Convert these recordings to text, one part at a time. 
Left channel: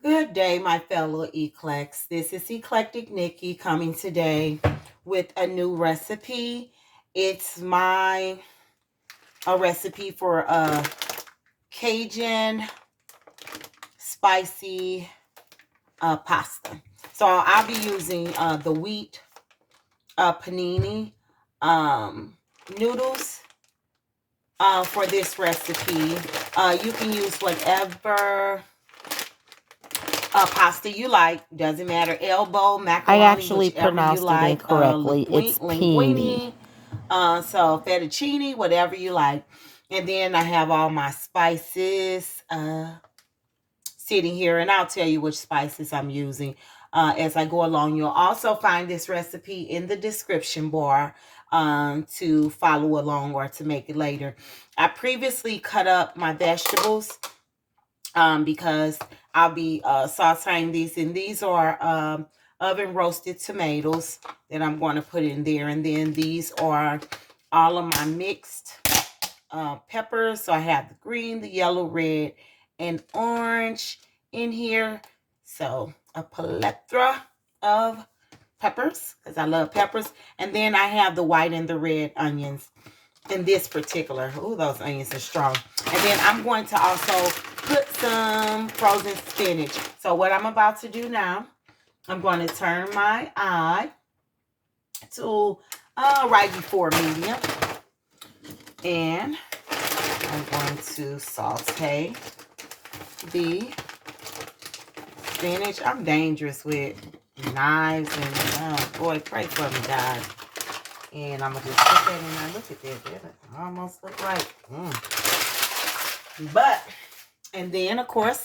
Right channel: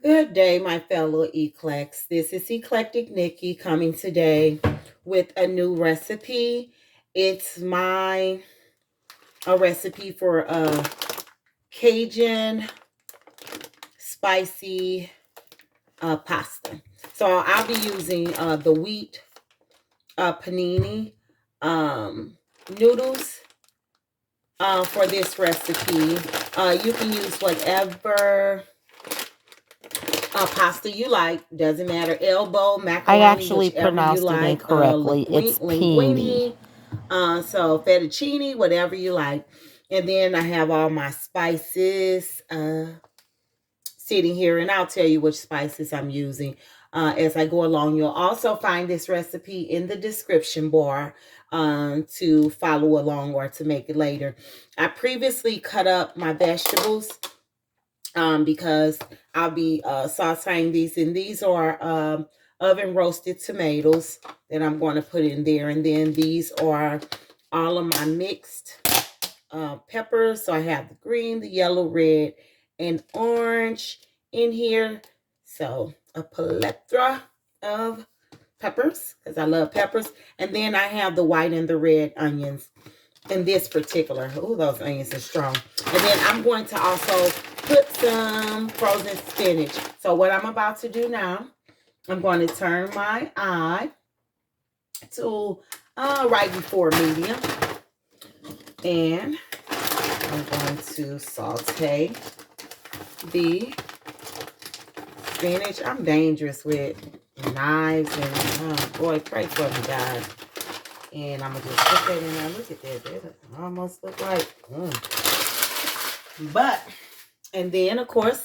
Good day, my fellow Eclects. This is Eclectic Nikki coming today with a new recipe. It's a recipe for Cajun spicy pasta. So I'll be using the wheat panini noodles for this recipe. You can use whatever pasta you like. Doesn't matter. Elbow, I macaroni, actually whichever you pronounced it like. incorrectly. It's peony. Linguine. So fettuccine, whatever you like. And then I have all my spices sitting here, and I'll tell you which spices I'm using as I go along. You'll also find this recipe in the description bar to follow along or to make it later. I previously cut up my vegetables because I'll be sauteing these, and these are oven roasted tomatoes that I'm going to put in there, and then these are all of my mixed peppers. So I have the green, the yellow, red, and orange in here. So a plethora of peppers because I love peppers, and then I have the white and the red onions in this particular. Oh, those onions are strong. And then I'm going to also put some frozen spinach. So what I'm about to do now, I'm going to turn my eye to right before medium. And I'm going to saute the spinach. I'm dangerous with knives and boy, pray for me, guys. And I'm gonna just put that in there. Look at that. That almost look like. But, and then of course,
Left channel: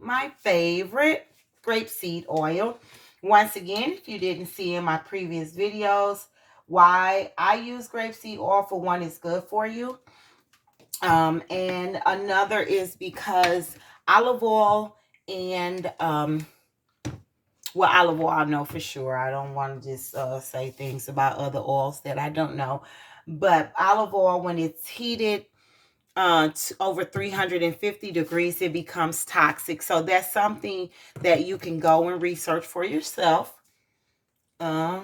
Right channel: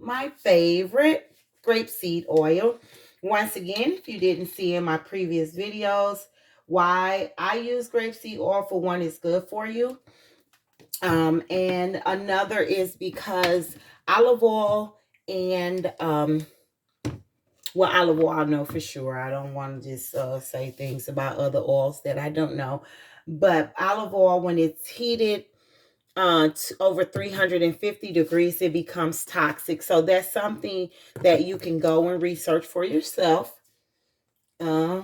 my favorite grapeseed oil. Once again, if you didn't see in my previous videos, why I use grapeseed oil, for one, is good for you. And another is because olive oil and well, olive oil I know for sure. I don't want to just say things about other oils that I don't know. But olive oil, when it's heated to over 350 degrees, it becomes toxic. So that's something that you can go and research for yourself uh,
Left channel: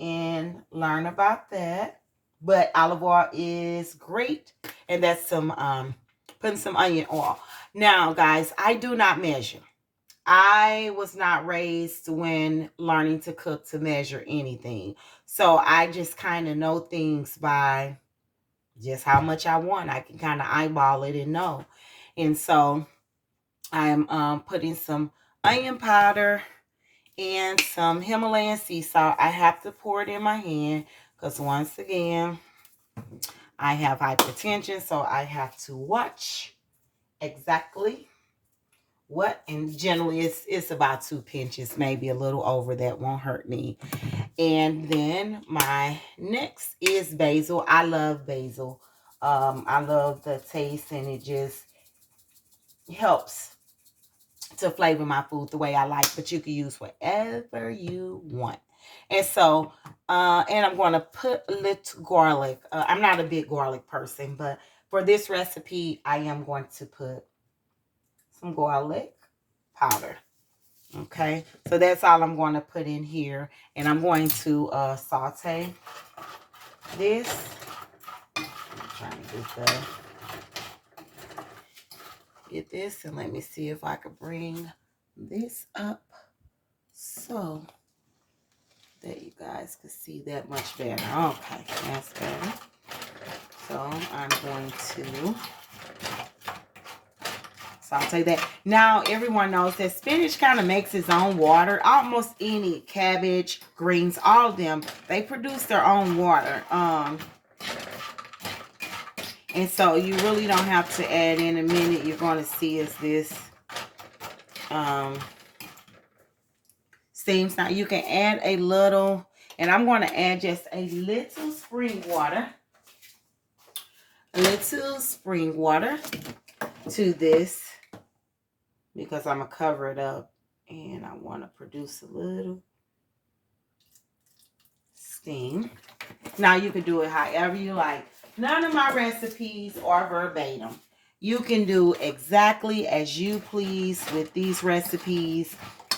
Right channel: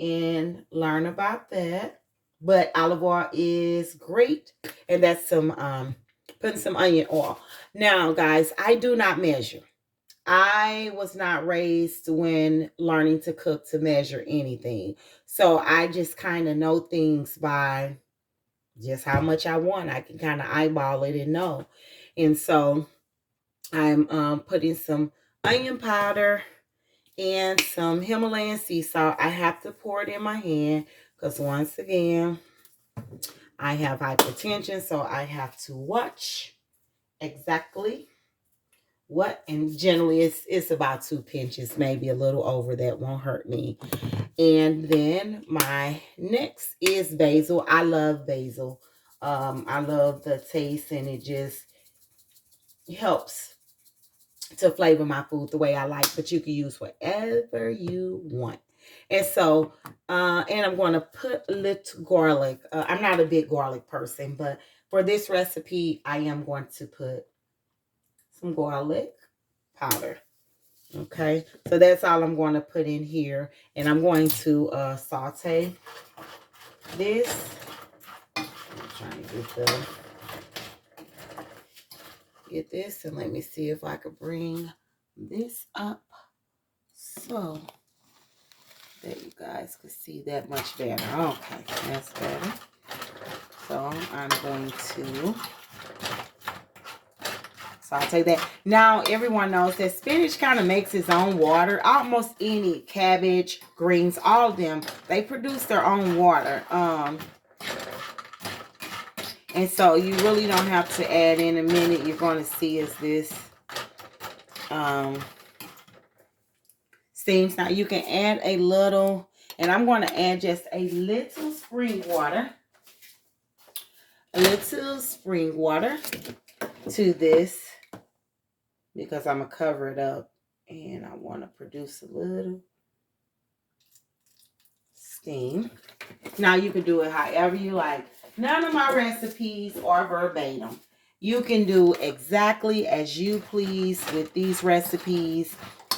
and learn about that. But olive oil is great, and that's some putting some onion oil. Now, guys, I do not measure. I was not raised when learning to cook to measure anything. So I just kind of know things by just how much I want. I can kind of eyeball it and know. And so I'm putting some onion powder and some Himalayan sea salt. I have to pour it in my hand because once again, I have hypertension. So I have to watch exactly what, and generally it's about 2 pinches, maybe a little over. That won't hurt me. And then my next is basil. I love basil. I love the taste, and it just helps to flavor my food the way I like. But you can use whatever you want. And so and I'm going to put little garlic. I'm not a big garlic person, but for this recipe I am going to put some garlic powder. Okay, so that's all I'm going to put in here, and I'm going to saute this. I'm trying to get this, and let me see if I could bring this up so that you guys can see that much better. Okay, that's better. So I'm going to saute that. Now, everyone knows that spinach kind of makes its own water. Almost any cabbage, greens, all of them, they produce their own water. And so you really don't have to add. In a minute, you're going to see as this steams. Now, you can add a little, and I'm going to add just a little spring water. A little spring water to this because I'm going to cover it up. And I want to produce a little steam. Now, you can do it however you like. None of my recipes are verbatim. You can do exactly as you please with these recipes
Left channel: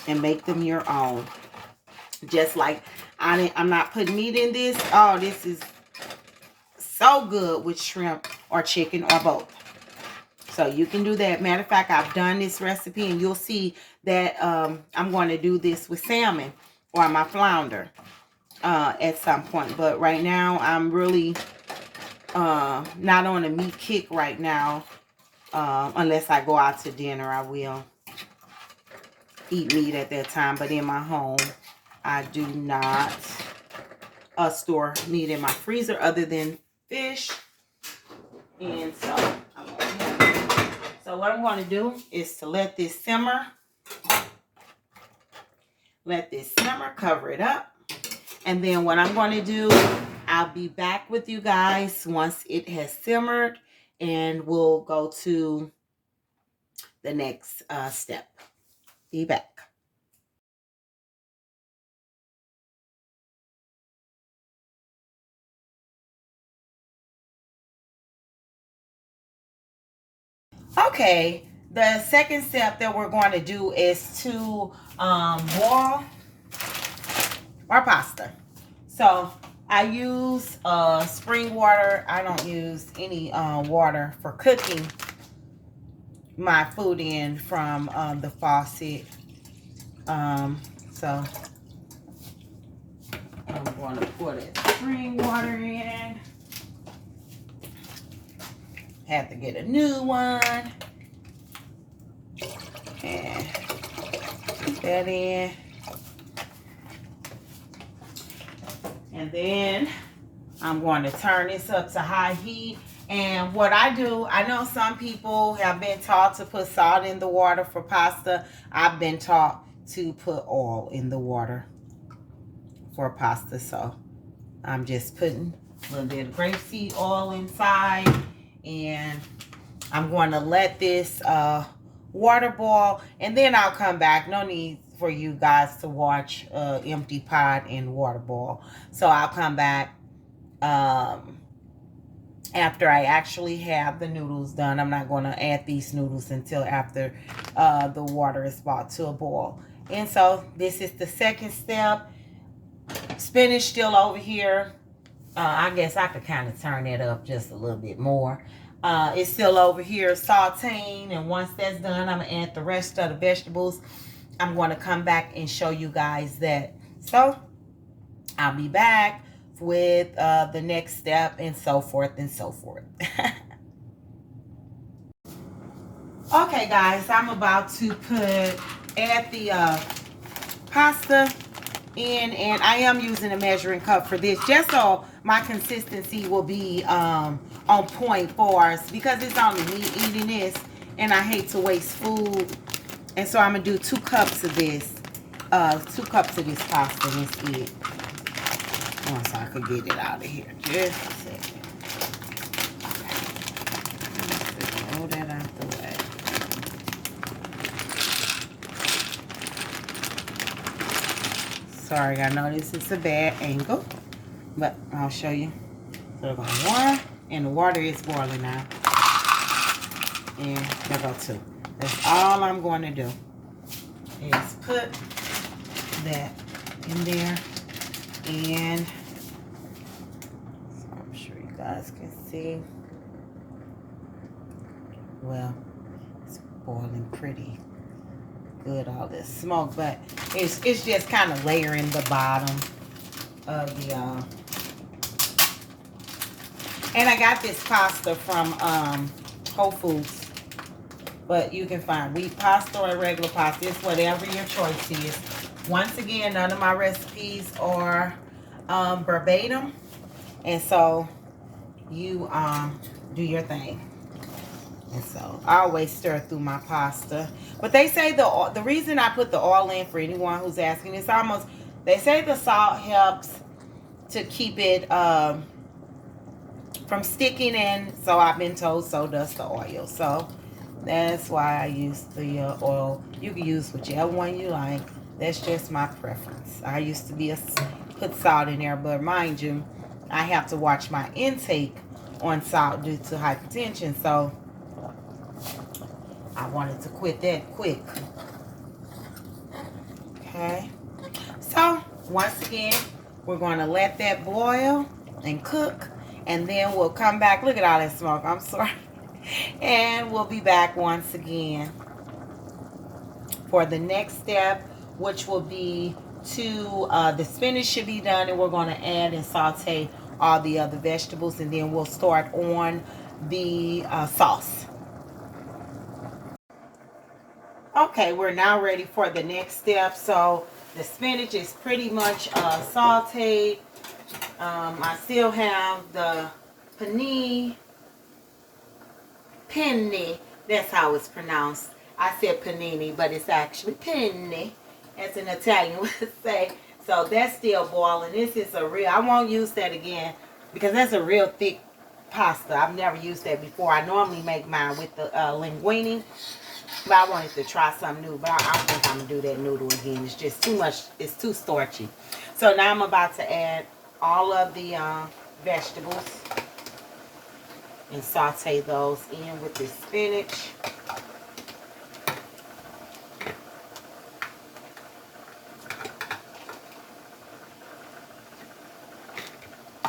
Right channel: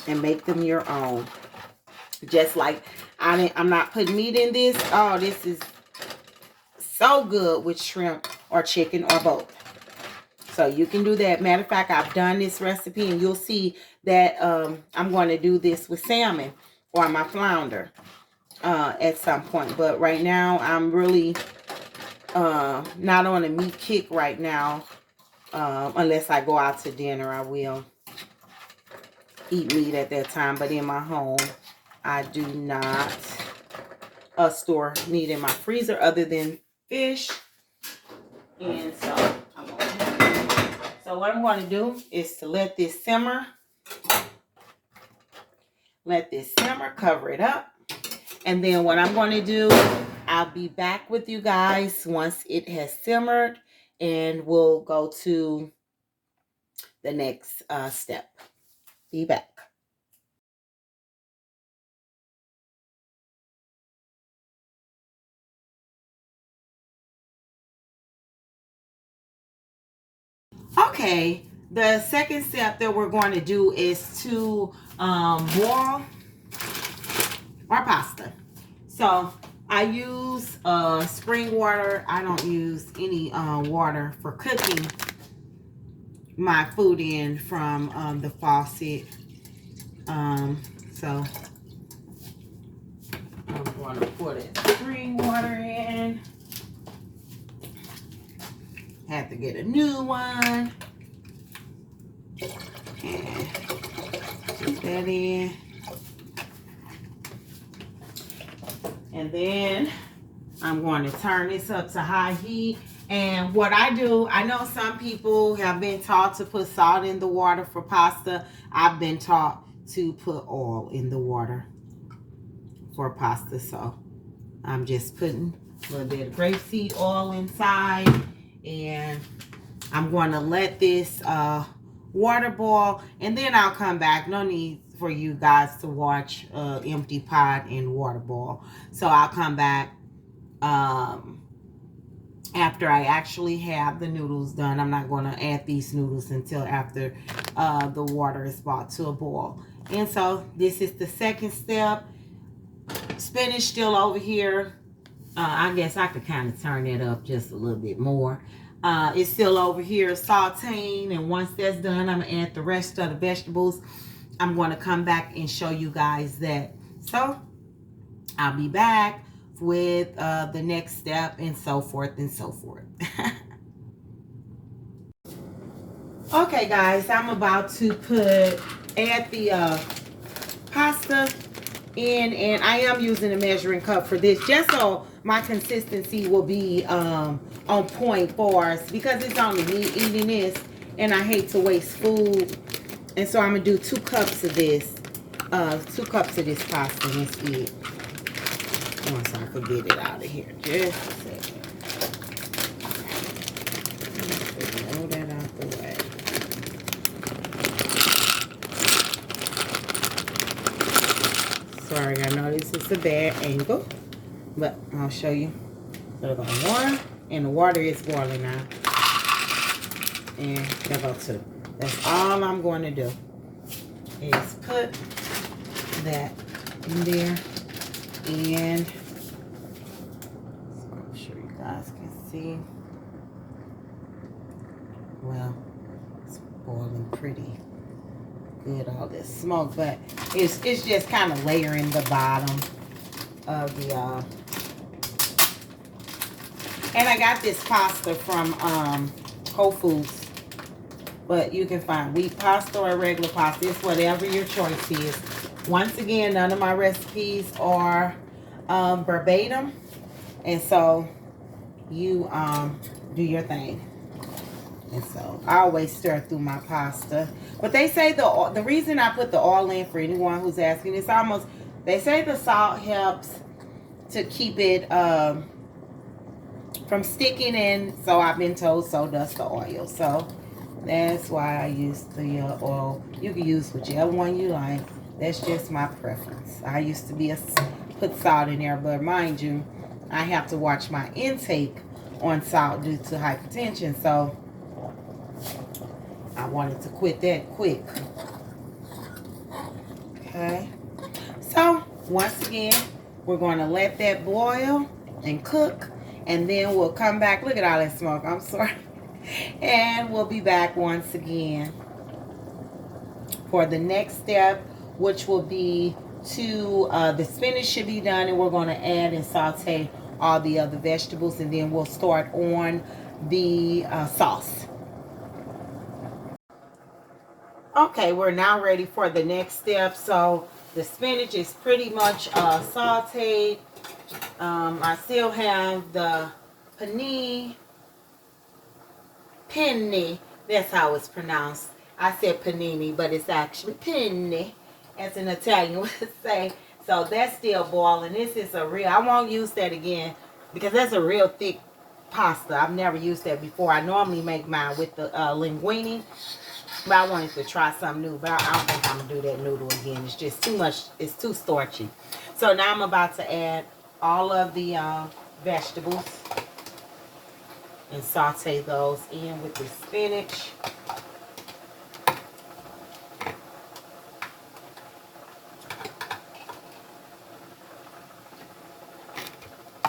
and make them your own. Just like I'm not putting meat in this. Oh, this is so good with shrimp or chicken or both. So you can do that. Matter of fact, I've done this recipe and you'll see that I'm going to do this with salmon or my flounder at some point. But right now, I'm really not on a meat kick right now. Unless I go out to dinner, I will eat meat at that time. But in my home, I do not store meat in my freezer other than fish. And so what I'm going to do is to let this simmer. Let this simmer, cover it up. And then what I'm going to do, I'll be back with you guys once it has simmered. And we'll go to the next step. Be back. Okay, the second step that we're going to do is to boil our pasta. So I use spring water. I don't use any water for cooking my food in from the faucet. So I'm going to put spring water in. Have to get a new one. And put that in. And then I'm going to turn this up to high heat. And what I do, I know some people have been taught to put salt in the water for pasta. I've been taught to put oil in the water for pasta. So I'm just putting a little bit of grapeseed oil inside. And I'm going to let this water boil. And then I'll come back. No need for you guys to watch empty pot and water boil. So I'll come back after I actually have the noodles done. I'm not going to add these noodles until after the water is brought to a boil. And so this is the second step. Spinach still over here. I guess I could kind of turn it up just a little bit more. It's still over here sauteing, and once that's done, I'm going to add the rest of the vegetables. I'm going to come back and show you guys that. So I'll be back with the next step and so forth and so forth. Okay, guys, I'm about to add the pasta in, and I am using a measuring cup for this just so my consistency will be on point for us, because it's only me eating this and I hate to waste food. And so I'm gonna do 2 cups of this 2 cups of this pasta. That's it. Once I can get it out of here, just a second. Roll that out the way. Sorry, I know this is a bad angle, but I'll show you. So about 1, and the water is boiling now. And there go 2. That's all I'm going to do is put that in there. And so I'm sure you guys can see. Well, it's boiling pretty good, all this smoke, but it's just kind of layering the bottom of the and I got this pasta from Whole Foods, but you can find wheat pasta or regular pasta. It's whatever your choice is. Once again, none of my recipes are verbatim, and so you do your thing. And so I always stir through my pasta. But they say the reason I put the oil in, for anyone who's asking, it's almost, they say the salt helps to keep it from sticking in. So I've been told so does the oil. So that's why I use the oil. You can use whichever one you like. That's just my preference. I used to put salt in there, but mind you, I have to watch my intake on salt due to hypertension. So I wanted to quit that quick. Okay. So, once again, we're going to let that boil and cook. And then we'll come back. Look at all that smoke. I'm sorry. And we'll be back once again for the next step, which will be the spinach should be done, and we're going to add and saute all the other vegetables, and then we'll start on the sauce. Okay, we're now ready for the next step. So the spinach is pretty much sauteed. I still have the penne. That's how it's pronounced. I said panini, but it's actually penne, as an Italian would say. So that's still boiling. This is a real, I won't use that again because that's a real thick pasta. I've never used that before. I normally make mine with the linguine, but I wanted to try something new. But I don't think I'm going to do that noodle again. It's just too much. It's too starchy. So now I'm about to add all of the vegetables and saute those in with the spinach.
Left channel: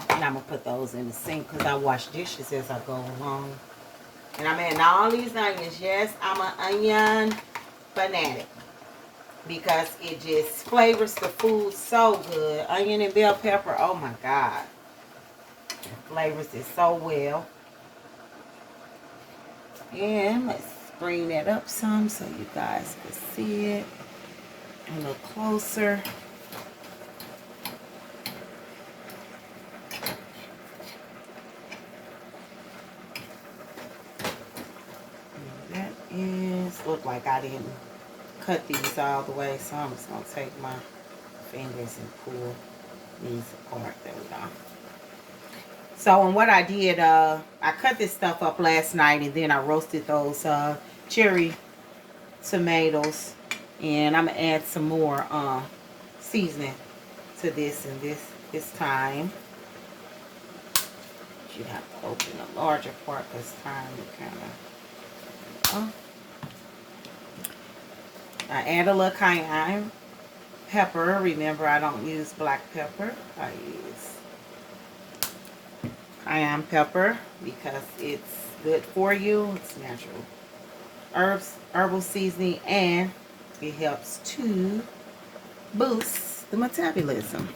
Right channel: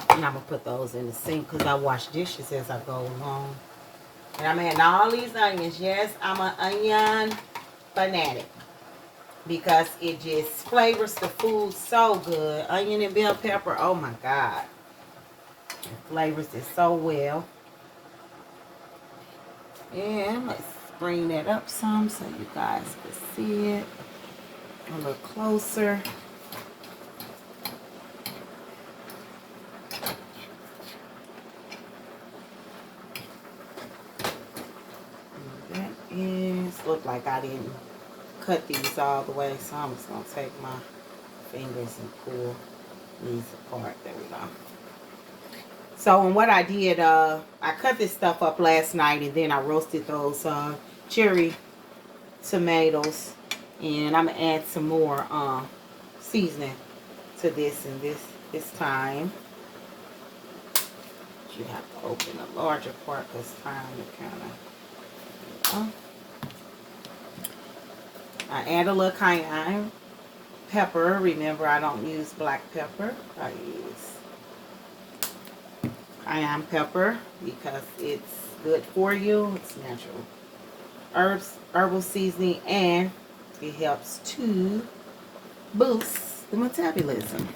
And I'm going to put those in the sink because I wash dishes as I go along. And I'm adding all these onions. Yes, I'm an onion fanatic because it just flavors the food so good. Onion and bell pepper, oh my God. It flavors it so well. And let's bring that up some so you guys can see it a little closer. Look like I didn't cut these all the way, so I'm just going to take my fingers and pull these apart. There we go. So, and what I did, I cut this stuff up last night, and then I roasted those cherry tomatoes, and I'm going to add some more seasoning to this, and this time. You have to open a larger part because thyme is kind of... I add a little cayenne pepper. Remember, I don't use black pepper. I use cayenne pepper because it's good for you. It's natural herbal seasoning, and it helps to boost the metabolism.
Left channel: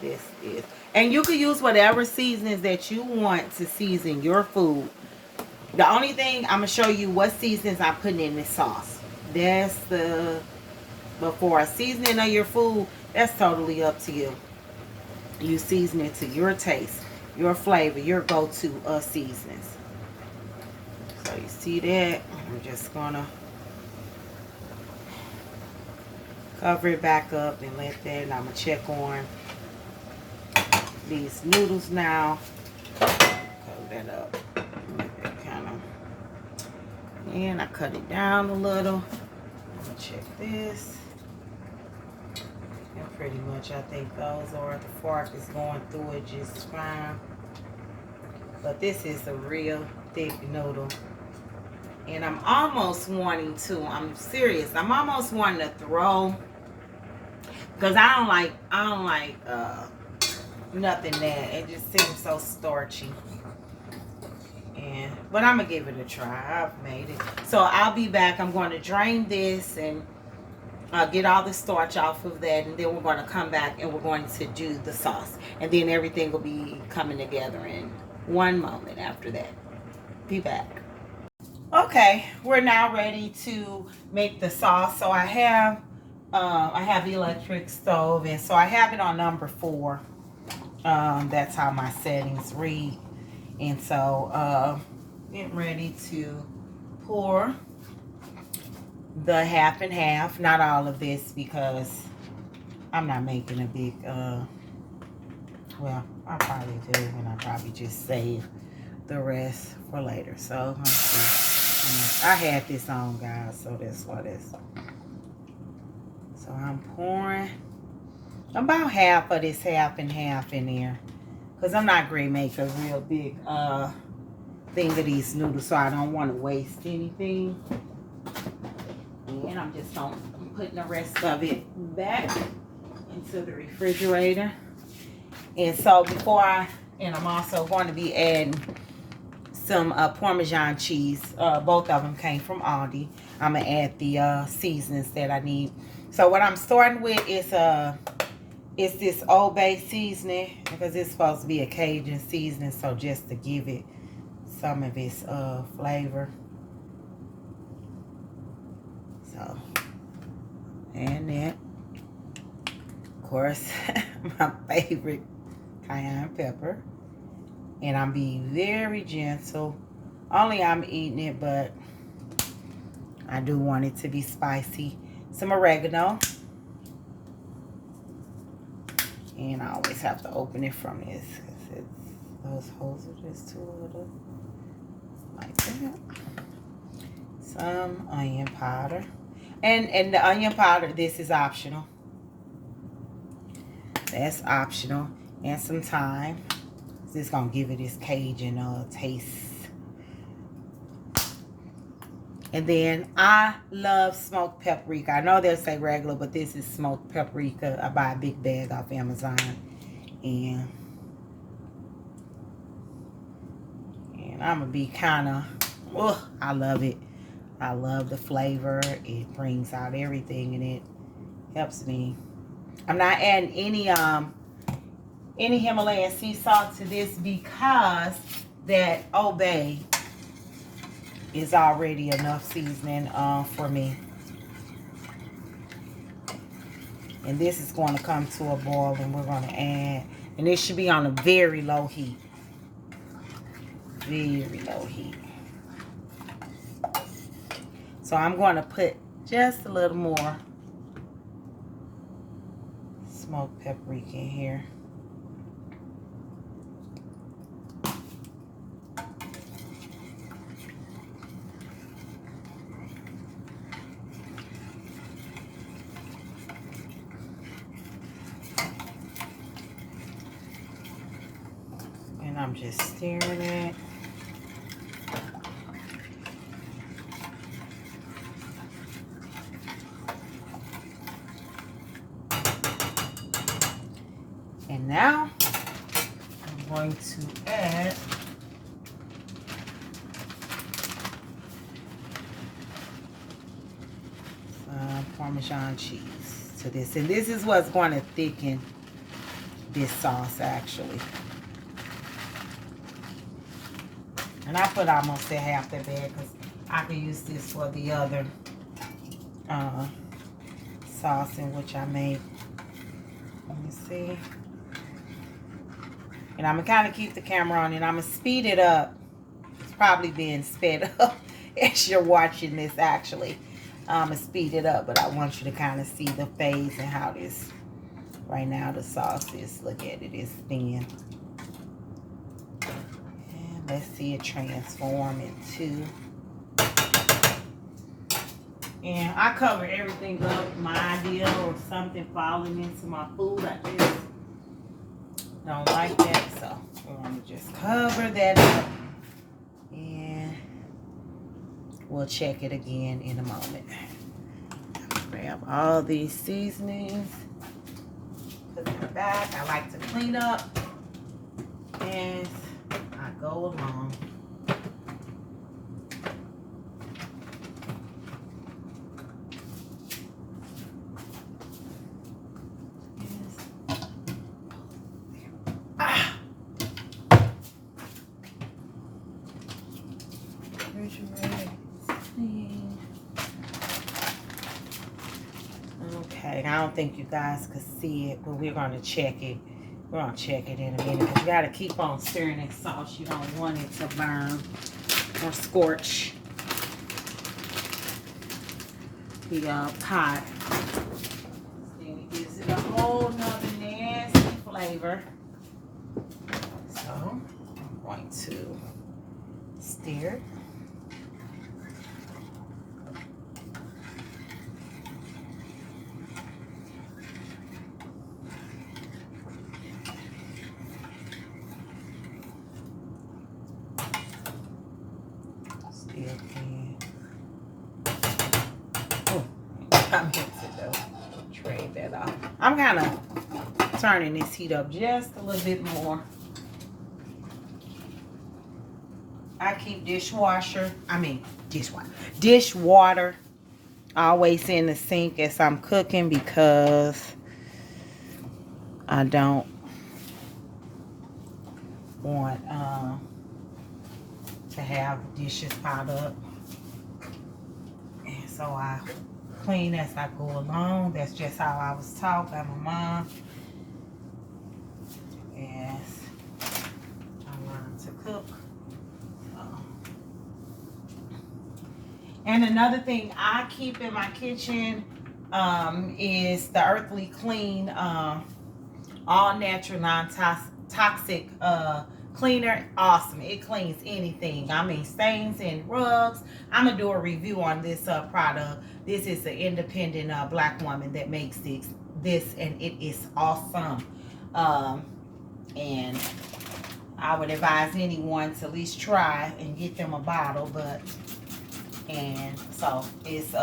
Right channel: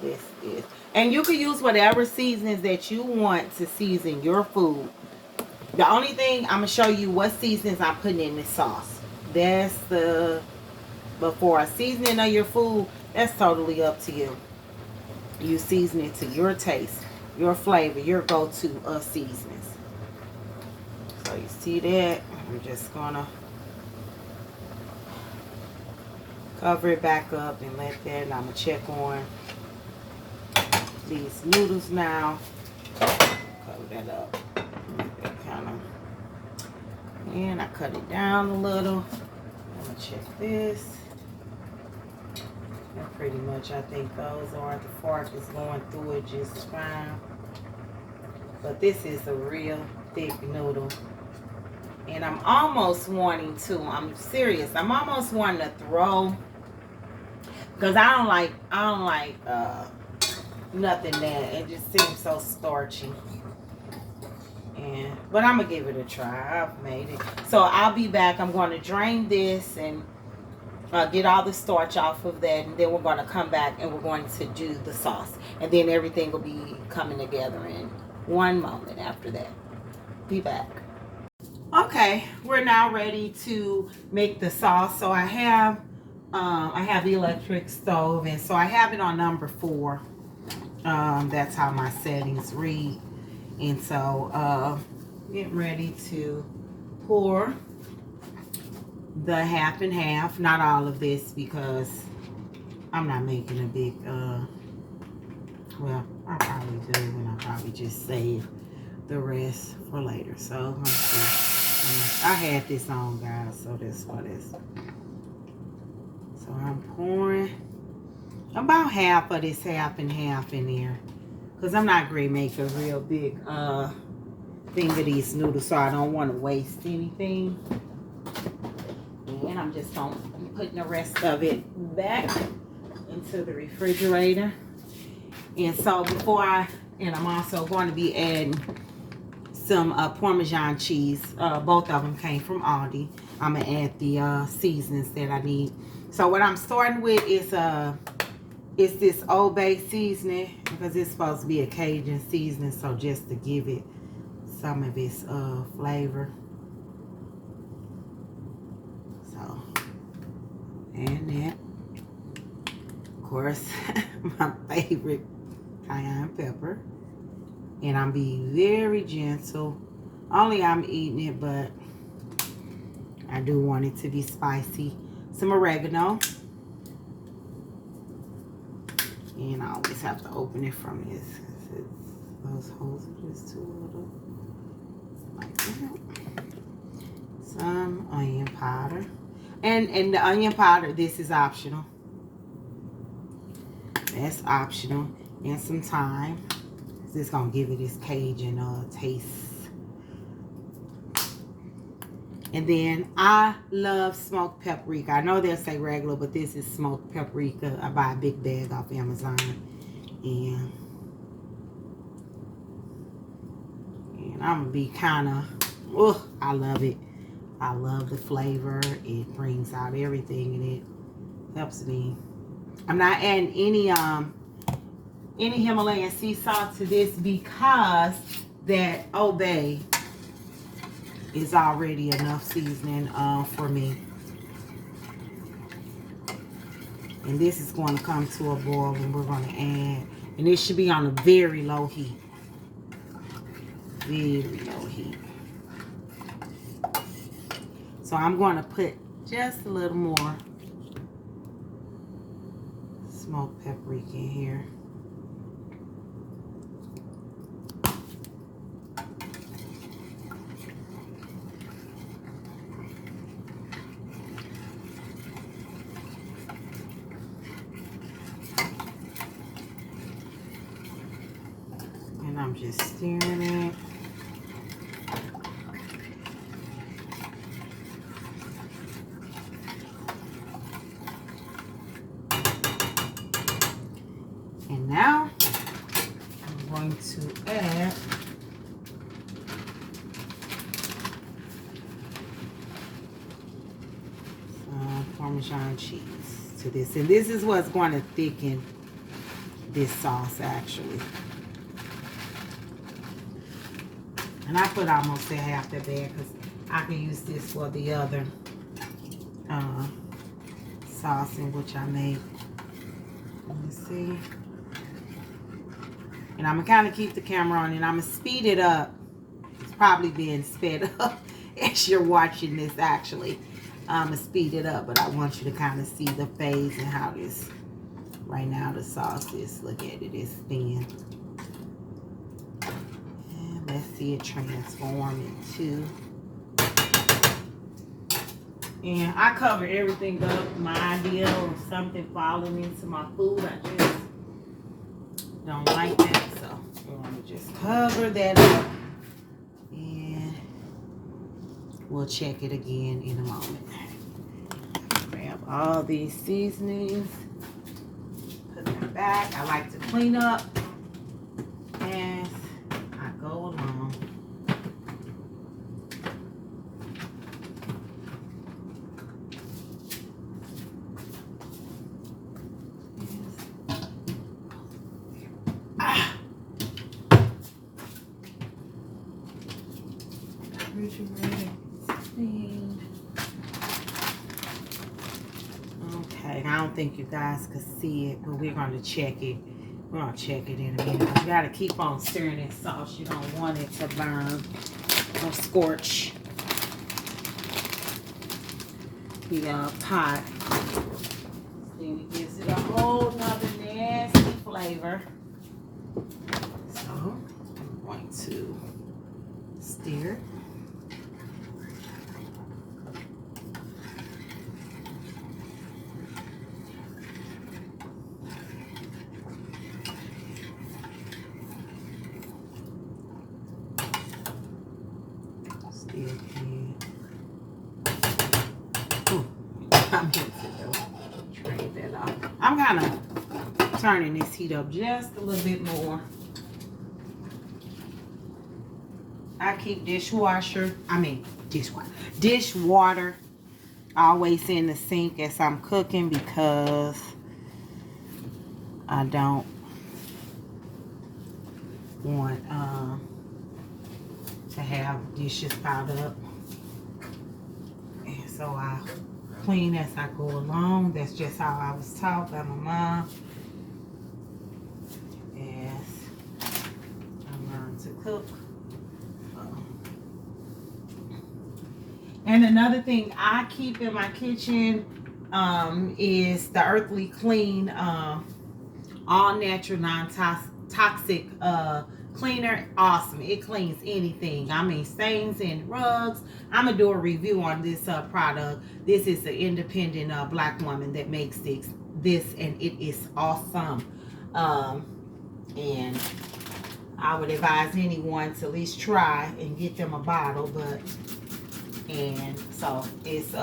This is, and you can use whatever seasonings that you want to season your food. The only thing, I'm going to show you what seasonings I'm putting in this sauce. That's before seasoning of your food, that's totally up to you. You season it to your taste, your flavor, your go-to seasonings. So you see that? I'm just going to cover it back up and let that, and I'm going to check on these noodles now. Cover that up. And I cut it down a little. I'm going to check this. And pretty much I think those are, the fork is going through it just fine. But this is a real thick noodle. And I'm almost wanting to, I'm serious, I'm almost wanting to throw, because I don't like nothing that, it just seems so starchy. But I'm going to give it a try. I've made it. So I'll be back. I'm going to drain this and get all the starch off of that. And then we're going to come back and we're going to do the sauce. And then everything will be coming together in one moment after that. Be back. Okay, we're now ready to make the sauce. So I have the electric stove, and so I have it on number 4. That's how my settings read. And so getting ready to pour the half and half, not all of this because I'm not making a big well, I probably do, and I probably just save the rest for later. So let's see. I had this on, guys, so that's what it is. So I'm pouring about half of this half and half in there, because I'm not going to make a real big thing of these noodles, so I don't want to waste anything. And I'm just going to be putting the rest of it back into the refrigerator. And so I'm also going to be adding some Parmesan cheese. Both of them came from Aldi. I'm going to add the seasonings that I need. So what I'm starting with is this Old Bay seasoning, because it's supposed to be a Cajun seasoning, so just to give it some of its flavor. So, and that, of course, my favorite cayenne pepper. And I'm being very gentle. Only I'm eating it, but I do want it to be spicy. Some oregano. And I always have to open it from this, because those holes are just too little. Like that. Some onion powder. And the onion powder, this is optional. That's optional. And some thyme. This is going to give it this Cajun taste. And then I love smoked paprika. I know they'll say regular, but this is smoked paprika. I buy a big bag off Amazon. And I'm going to be kind of, I love it. I love the flavor. It brings out everything, and it helps me. I'm not adding any Himalayan sea salt to this, because that Old Bay is already enough seasoning for me. And this is going to come to a boil, and we're going to add, and this should be on a very low heat. Very low heat. So I'm going to put just a little more smoked paprika in here. And I'm just stirring it. And now I'm going to add some Parmesan cheese to this. And this is what's going to thicken this sauce, actually. And I put almost a half the bag, because I can use this for the other sauce in which I made. Let me see. And I'm going to kind of keep the camera on, and I'm going to speed it up. It's probably being sped up as you're watching this, actually. I'm going to speed it up, but I want you to kind of see the phase and how this, right now, the sauce is, look at it, it's thin. And let's see it transform into. And I cover everything up. My idea of something falling into my food, I just don't like that, so we're going to just cover that up, and we'll check it again in a moment. Grab all these seasonings, put them back. I like to clean up as I go along. Okay, I don't think you guys could see it, but we're going to check it. We're going to check it in a minute. But you got to keep on stirring that sauce. You don't want it to burn or scorch the pot. Then it gives it a whole nother nasty flavor. So I'm going to stir. meant to do. Trade that off. I'm kind of turning this heat up just a little bit more. I keep dishwater always in the sink as I'm cooking because I don't want to have dishes piled up. And so I clean as I go along. That's just how I was taught by my mom. As I learned to cook. And another thing I keep in my kitchen is the Earthly Clean all natural non-toxic cleaner. Awesome. It cleans anything. I mean, stains and rugs. I'm gonna do a review on this product. This is an independent black woman that makes this, and it is awesome. And I would advise anyone to at least try and get them a bottle. And so it's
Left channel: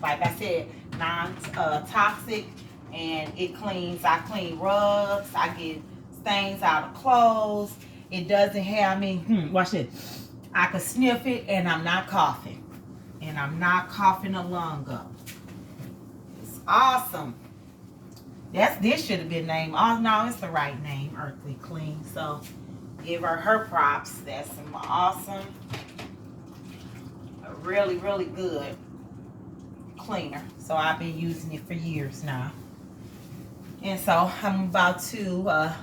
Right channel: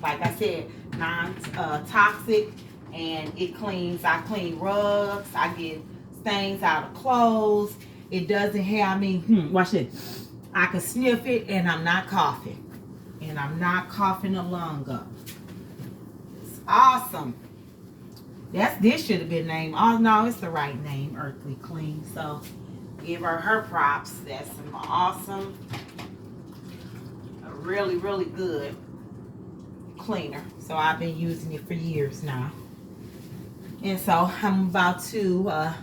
like I said, non-toxic, and it cleans. I clean rugs. I get stains out of clothes. It doesn't have me. Watch it. I can sniff it, and I'm not coughing. And I'm not coughing a lung up. It's awesome. This should have been named. Oh no, it's the right name, Earthly Clean. So give her props. That's some awesome, really, really good cleaner. So I've been using it for years now. And so I'm about to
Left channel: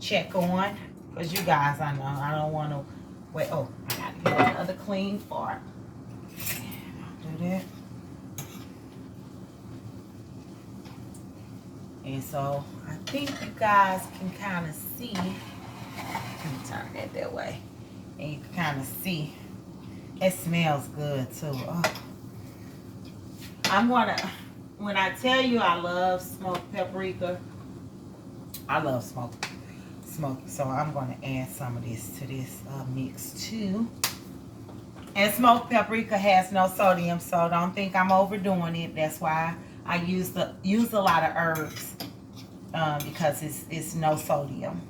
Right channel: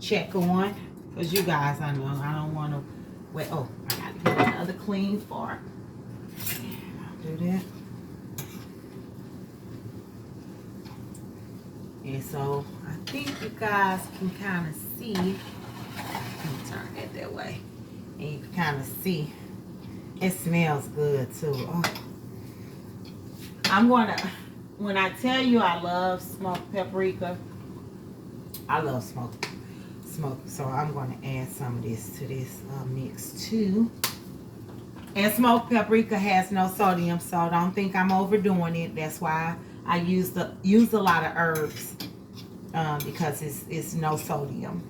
check on, because you guys, I know I don't want to wait. Oh, I got to get another clean part. I'll do that. And so I think you guys can kind of see. Let me turn it that way. And you can kind of see. It smells good too. Oh. I'm gonna, when I tell you I love smoked paprika, I love smoked. So I'm gonna add some of this to this mix too. And smoked paprika has no sodium, so don't think I'm overdoing it. That's why I use a lot of herbs because it's no sodium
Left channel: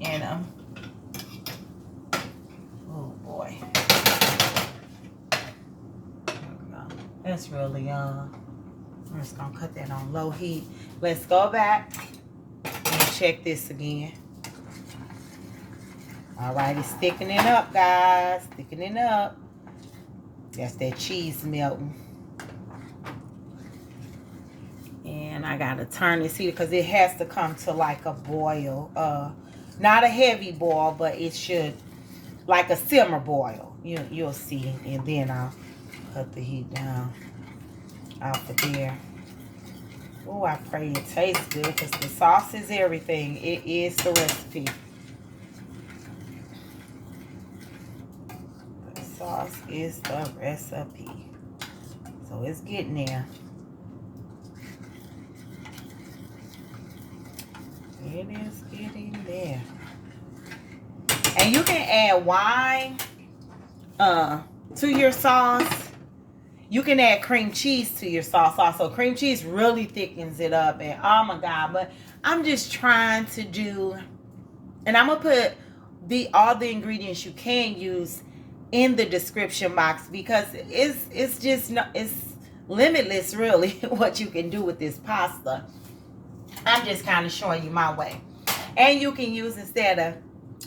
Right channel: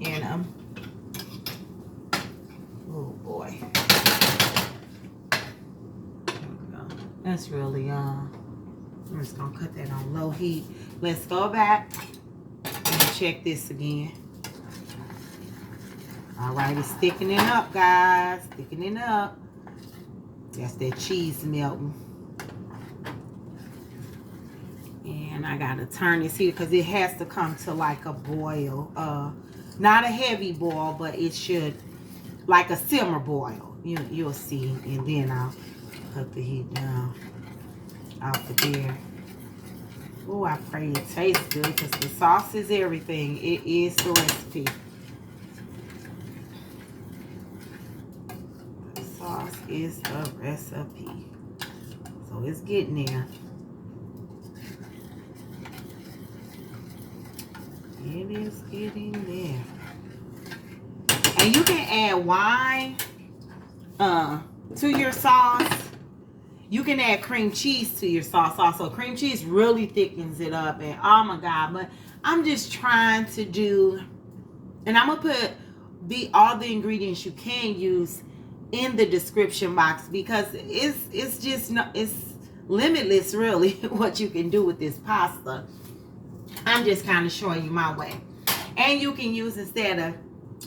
in them. Oh boy. That's really I'm just gonna cut that on low heat. Let's go back and check this again. All right, it's thickening up, guys. Thickening up. That's that cheese melting. And I gotta turn this here because it has to come to like a boil. Not a heavy boil, but it should, like a simmer boil. You'll see. And then I'll cut the heat down off of there. Oh, I pray it tastes good because the sauce is everything. It is the recipe. The sauce is the recipe. So it's getting there. It is getting there. And you can add wine to your sauce. You can add cream cheese to your sauce also. Cream cheese really thickens it up. And oh my God. But I'm just trying to do, and I'm going to put all the ingredients you can use in the description box because it's just not, it's limitless really what you can do with this pasta. I'm just kind of showing you my way. And you can use, instead of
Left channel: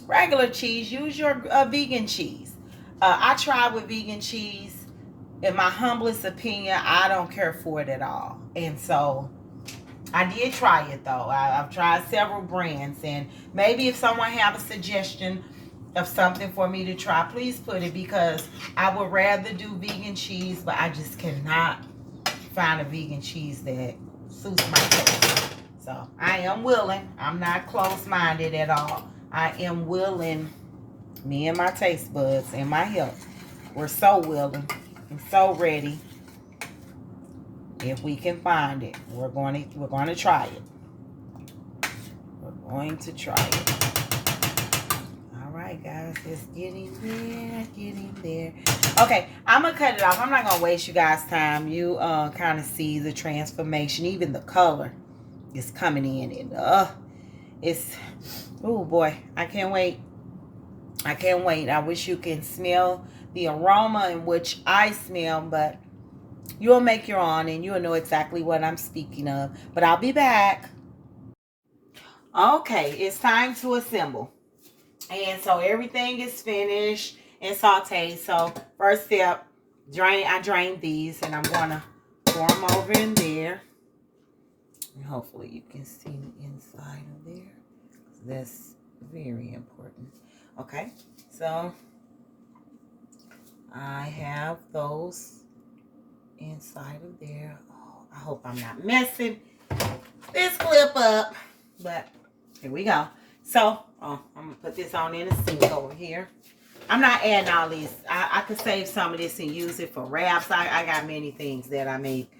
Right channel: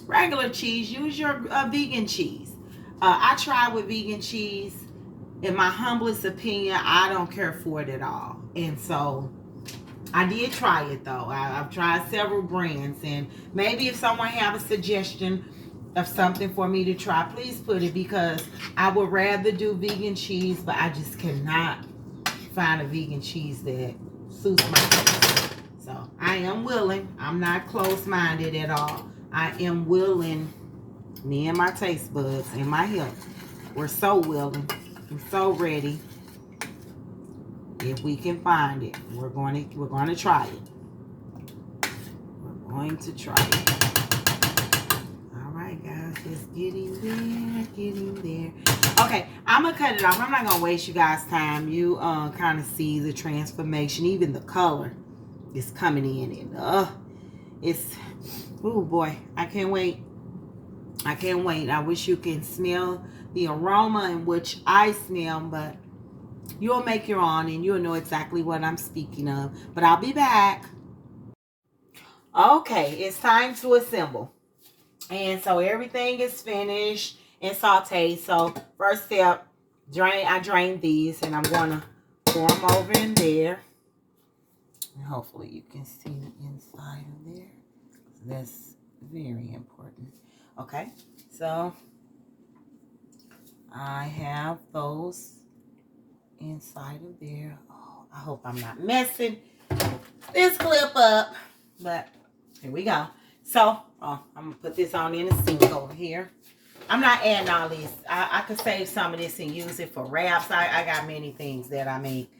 regular cheese, use your vegan cheese. I tried with vegan cheese. In my humblest opinion, I don't care for it at all. And so I did try it though. I've tried several brands, and maybe if someone have a suggestion of something for me to try, please put it, because I would rather do vegan cheese, but I just cannot find a vegan cheese that suits my taste. So I am willing. I'm not close-minded at all. I am willing. Me and my taste buds and my health, we're so willing. I'm so ready. If we can find it, we're going to try it. We're going to try it. All right, guys, let's Just getting there, getting there. Okay, I'm gonna cut it off. I'm not gonna waste you guys' time. You kind of see the transformation. Even the color is coming in, and it's, oh boy, I can't wait. I can't wait. I wish you can smell the aroma in which I smell, but you'll make your own and you'll know exactly what I'm speaking of. But I'll be back. Okay, it's time to assemble. And so everything is finished and sauteed. So first step, I drained these and I'm gonna pour them over in there. And hopefully you can see the inside of there. That's very important. Okay, so I have those inside of there. Oh, I hope I'm not messing this clip up, but here we go. So I'm gonna put this on in the sink over here. I'm not adding all these. I could save some of this and use it for wraps. I got many things that I make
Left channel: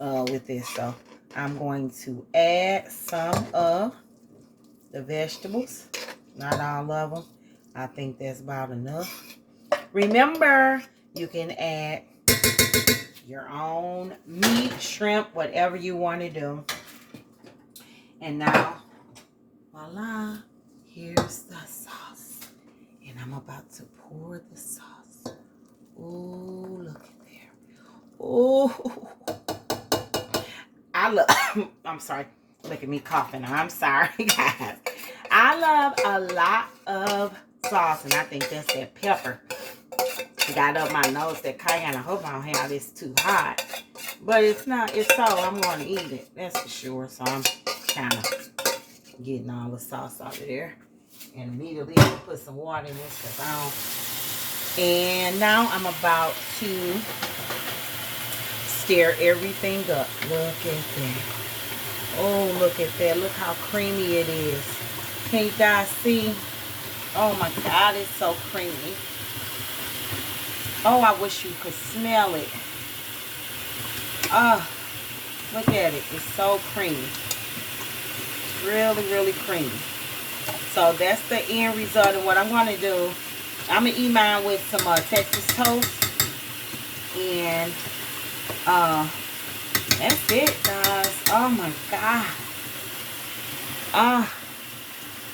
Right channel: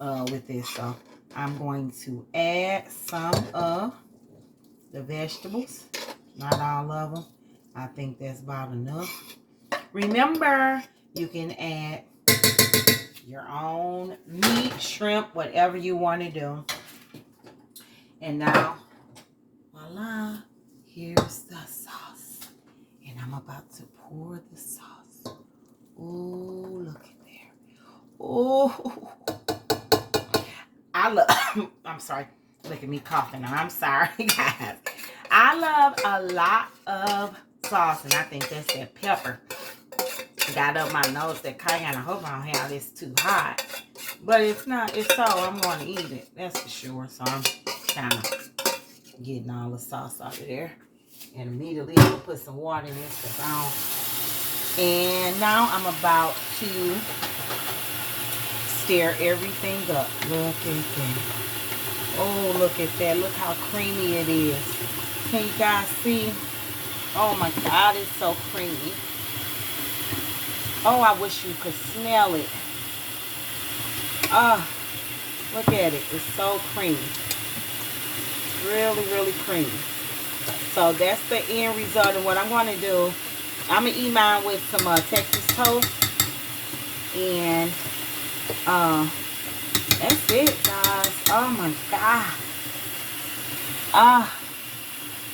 with this. So I'm going to add some of the vegetables. Not all of them. I think that's about enough. Remember, you can add your own meat, shrimp, whatever you want to do. And now, voila, here's the sauce. And I'm about to pour the sauce. Oh, look at there. Oh, I love, I'm sorry. Look at me coughing. I'm sorry, guys. I love a lot of sauce, and I think that's that pepper. Got up my nose, that cayenne. I hope I don't have this too hot. But it's not, it's so, I'm going to eat it. That's for sure. So I'm kind of getting all the sauce out of there. And immediately I'm going to put some water in this because I don't. And now I'm about to stir everything up. Look at that. Oh, look at that. Look how creamy it is. Can you guys see? Oh my God, it's so creamy. Oh, I wish you could smell it. Oh, look at it. It's so creamy. Really, really creamy. So that's the end result. And what I'm going to do, I'm going to eat mine with some Texas toast. And that's it, guys. Oh my God.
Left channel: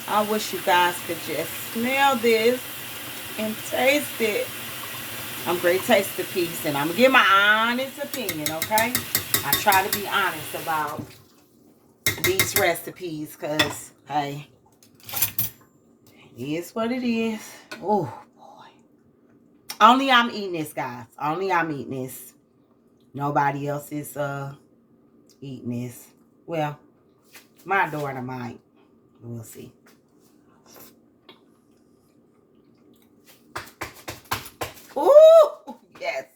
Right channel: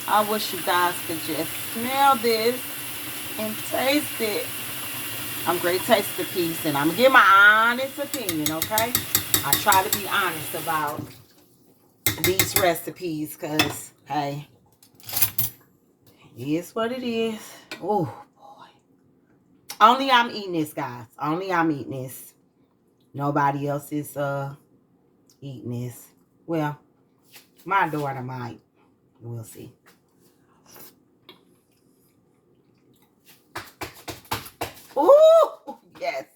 I wish you guys could just smell this and taste it. I'm great taster piece, and I'm going to give my honest opinion, okay? I try to be honest about these recipes because, hey, it is what it is. Oh, boy. Only I'm eating this, guys. Only I'm eating this. Nobody else is eating this. Well, my daughter might. We'll see. Ooh, yes.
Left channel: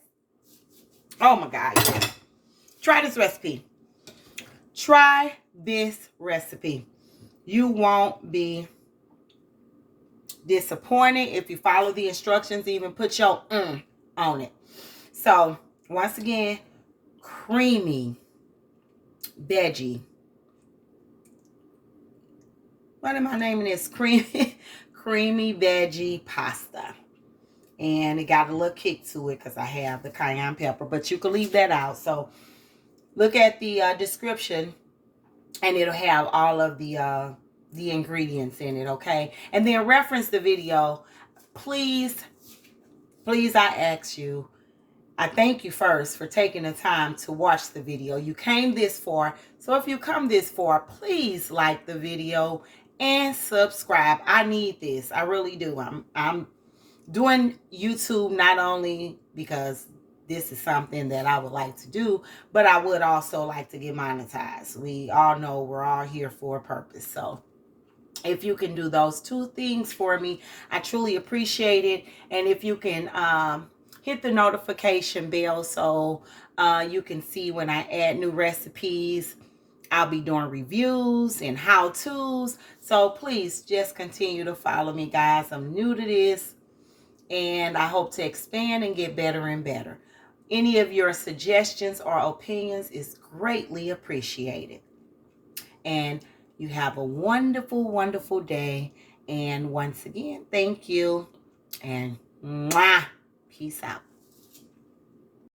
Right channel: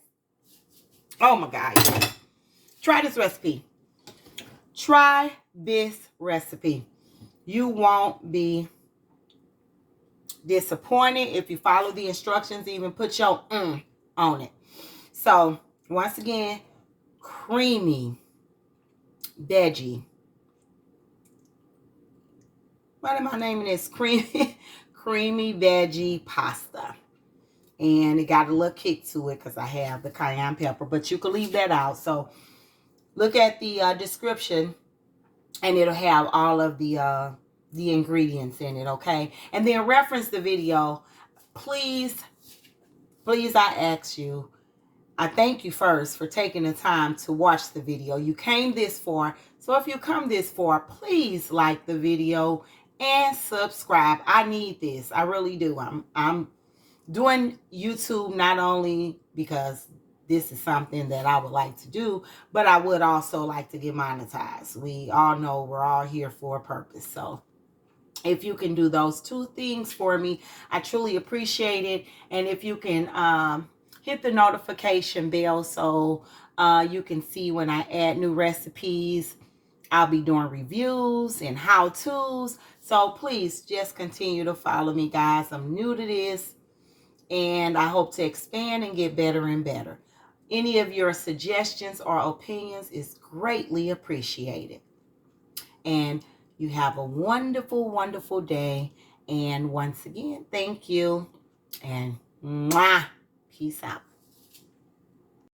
Oh my God, yes. Try this recipe. Try this recipe. You won't be disappointed if you follow the instructions, even put your on it. So, once again, creamy veggie. What am I naming this? Creamy veggie pasta. And it got a little kick to it because I have the cayenne pepper. But you can leave that out. So look at the description. And it'll have all of the ingredients in it, okay? And then reference the video. Please, I ask you. I thank you first for taking the time to watch the video. You came this far. So if you come this far, please like the video and subscribe. I need this. I really do. I'm doing YouTube not only because this is something that I would like to do, but I would also like to get monetized. We all know we're all here for a purpose. So if you can do those two things for me, I truly appreciate it. And if you can hit the notification bell so you can see when I add new recipes. I'll be doing reviews and how-tos. So please just continue to follow me, guys. I'm new to this. And I hope to expand and get better and better. Any of your suggestions or opinions is greatly appreciated. And you have a wonderful, wonderful day. And once again, thank you. And mwah, peace out.